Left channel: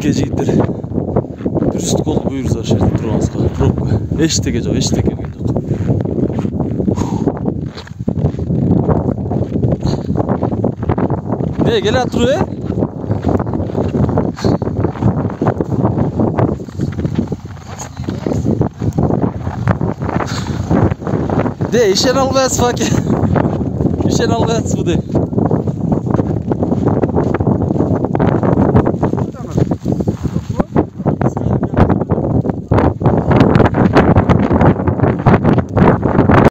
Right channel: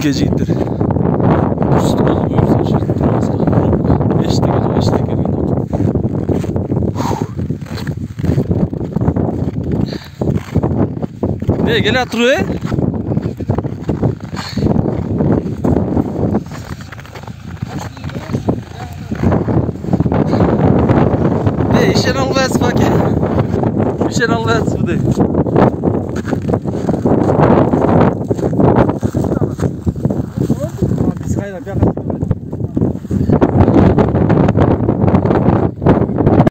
Мінекей жігіттер. Дұрыстық болып бұйырса жерде тұрамызға. Пробка. Ештеке жоқ, ештеке жоқ. Не, келе тұру, De, işen almayız fakir. İşen almayız bu de.